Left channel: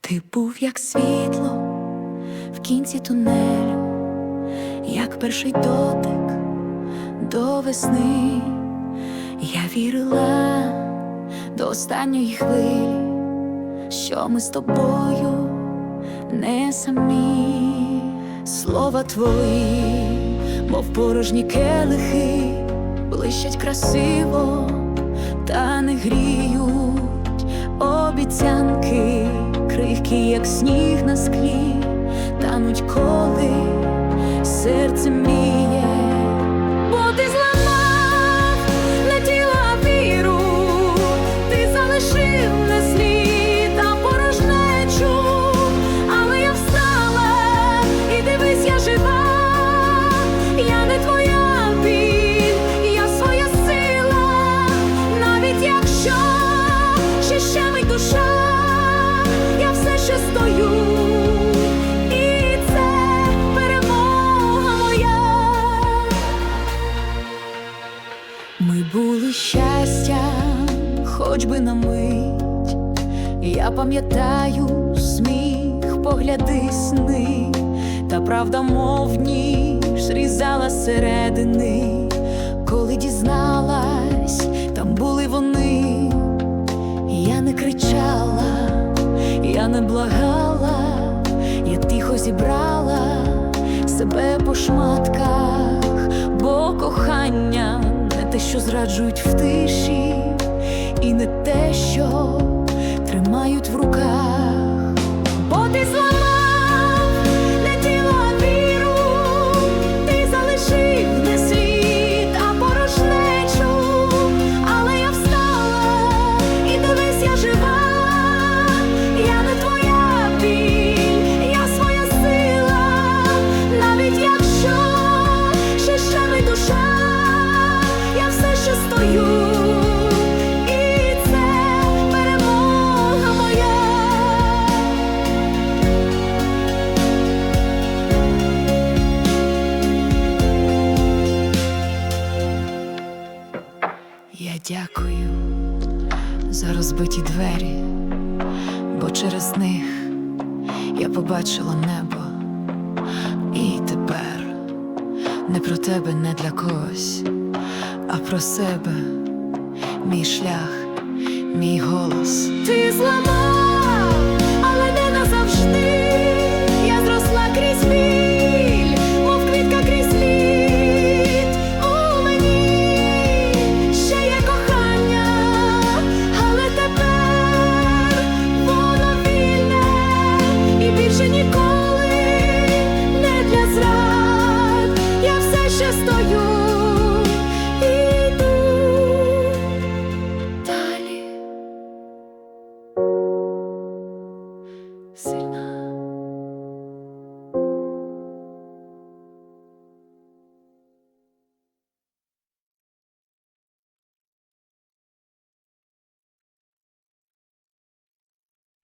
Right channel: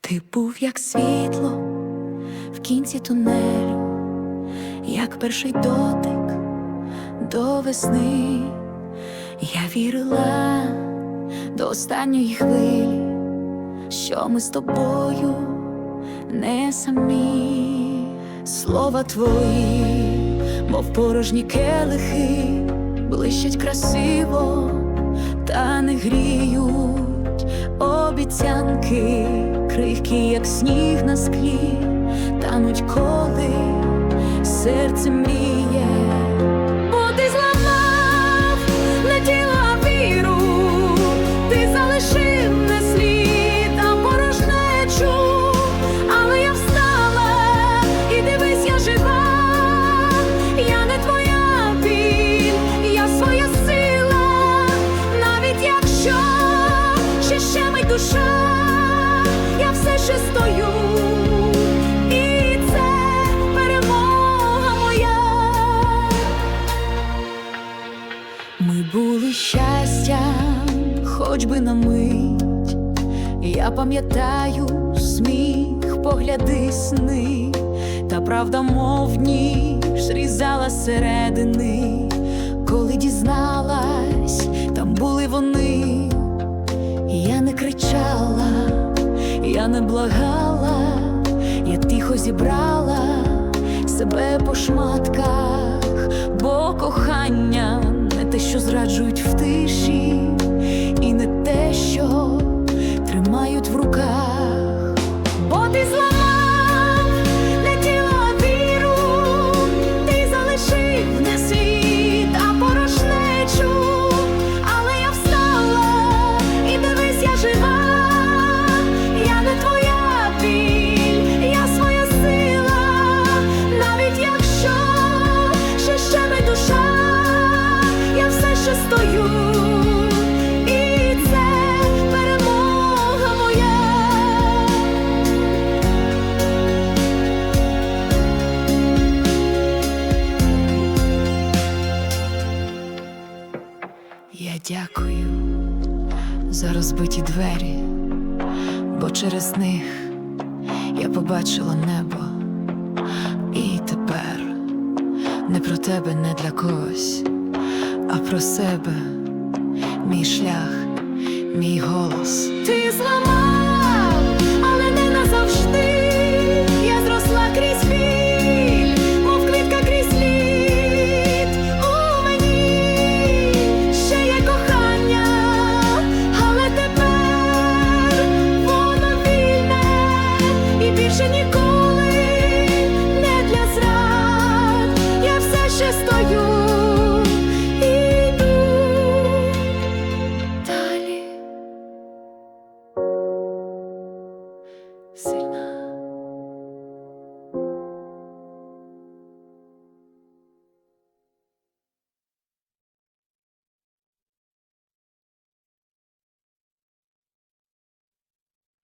Ти був як світло в кінці тунелю, як перший дотик до весни. Я вірила до останньої хвилі, що ми з тобою не самі. Слова твої, мов порожні келихи, блищать красиво, та не гріють обіцянки, кривкі, як сніг на склі, тануть коли серце мріє, ще щемить душа, я все ще стою, і це перемога моя. Ми були щастям, хоч би на мить. Я пам'ятаю сміх, погляди сни, та правда, мов ніж різала середини, коли дізналась, там були вони. Я не кричала, я не благала, я тихо зібрала себе по шматках, бо кохання не те, що зраджують в тиші, і не те, що тримають в руках. Бо ти зламав Я дякую за розбиті двері, бо через них я побачила небо. І тепер не про тебе, не для когось, а про себе, мій шлях, мій голос. Ти зламав, Я